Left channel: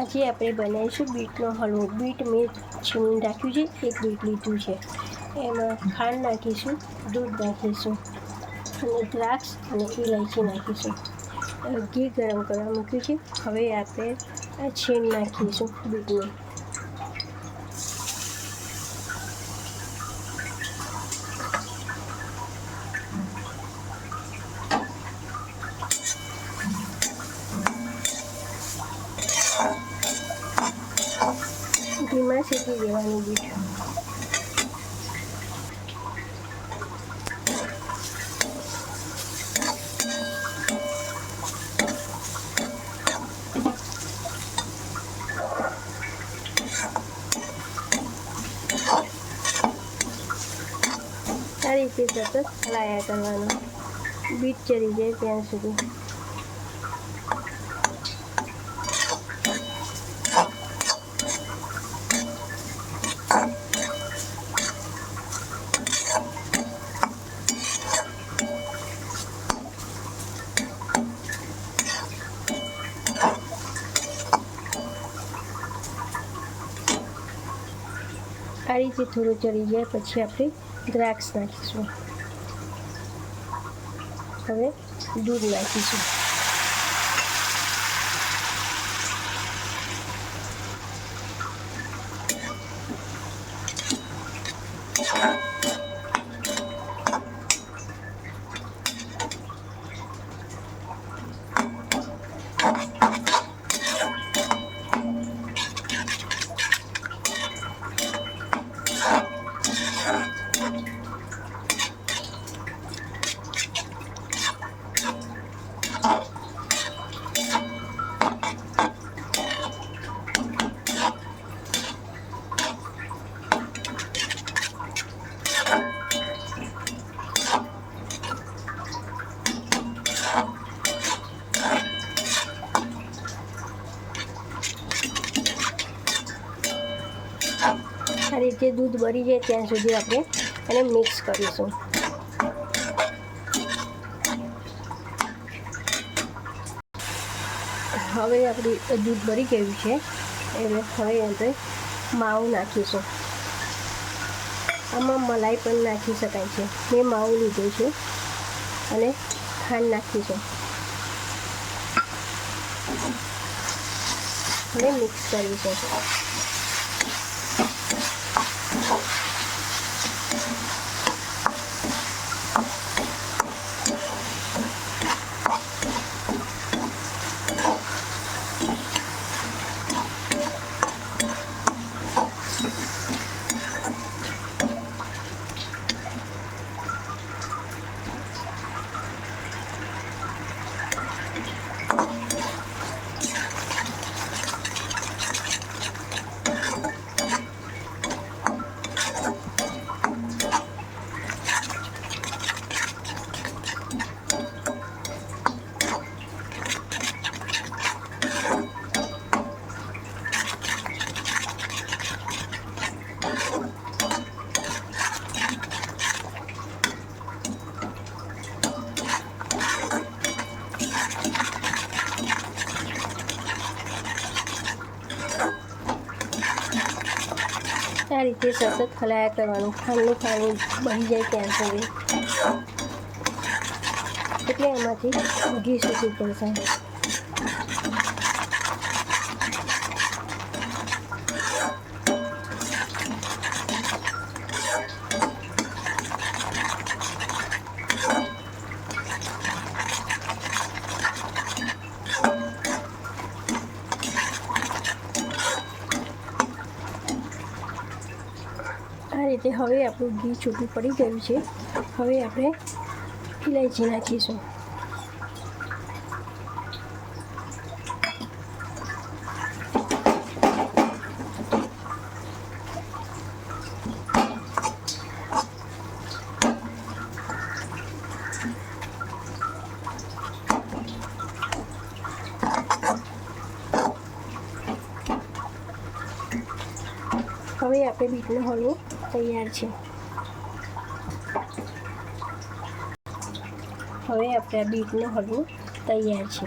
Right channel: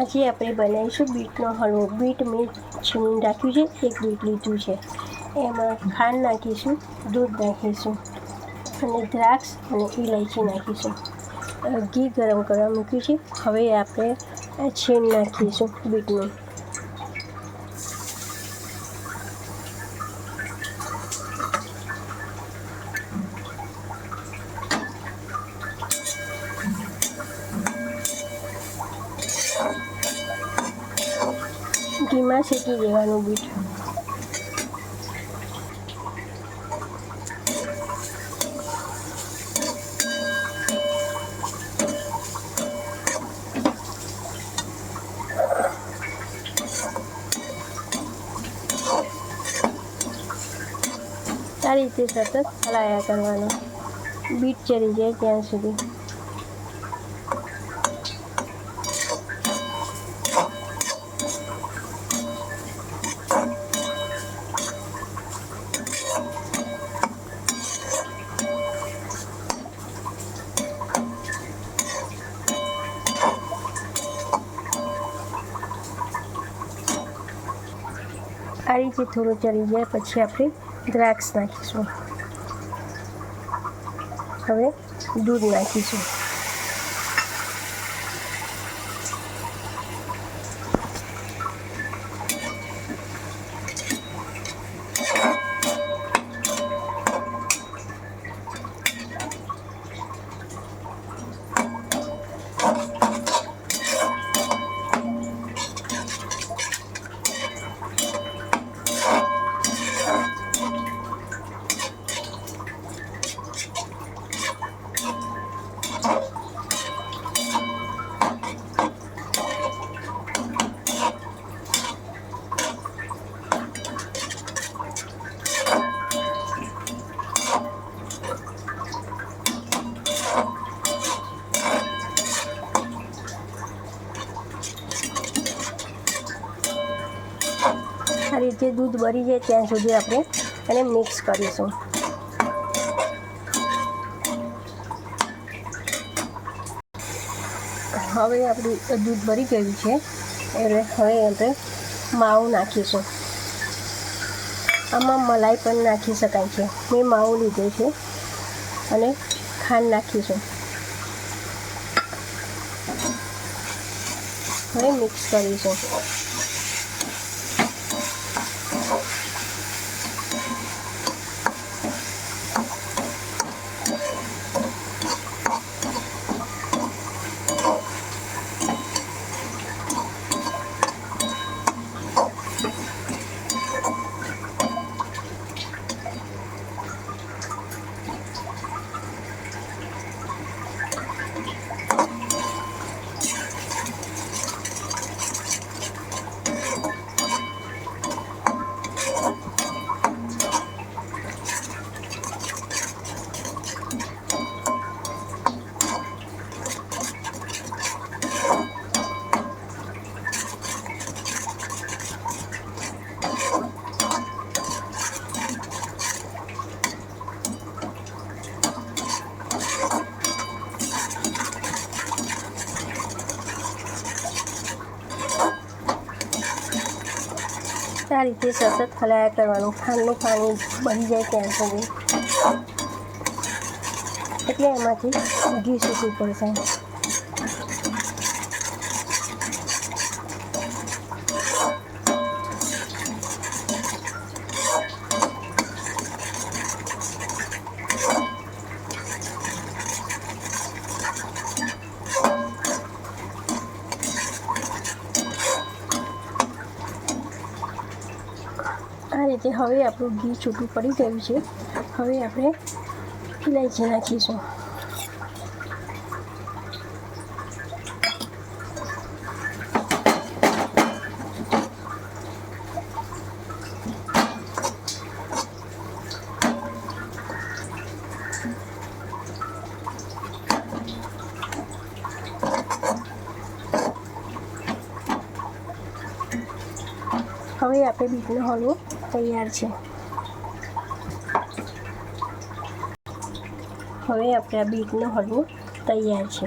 આજે આપણે બનાવીશું બીટનો હલવો. બીટ મેં છીણીને રાખ્યું છે, એક બીટ લીધું છે. એમાં ખાંડ નાખીશું, દૂધ નાખીશું અને દ્રાક્ષ અને ઇલાયચી નાખીશું. ઘી ગરમ કરવા મૂક્યું છે. હવે આપણે છીણ નાખીશું બીટનું. ઘીમાં શેકી દેવાનું બીટ. આ રીતે સતત હલાયા કરવાનું, બીટ ચડી જાય ત્યાં સુધી. આ રીતે થોડું ચડી જાય પછી આપણે દ્રાક્ષ નાખીશું. હવે દૂધ નાખીશું. આ રીતે દૂધ બળી જાય ત્યાં સુધી આપણે એને મિક્સ કરીશું. હવે આપણું દૂધ બળી ગયું છે એટલે હવે આપણે માવું નાખીશું. આમાં મલાઈ પણ નાખી શકાય છે. મેં માવું લીધું છે અને ખાંડ નાખીશું. હવે મિક્સ કરીશું. આ રીતે સતત હલાયા કરવાનું, ખાંડનું પાણી બળી જાય ત્યાં સુધી. એટલે એમાંથી ઘી છૂટું પડશે. આ રીતે હવે આપણું ઘી છૂટું પડી ગયું છે. હવે આપણે ઇલાયચી નાખીશું. હવે આપણે બીટનો હલવો તૈયાર છે. હવે આપણે આ બીટનો હલવો તૈયાર છે.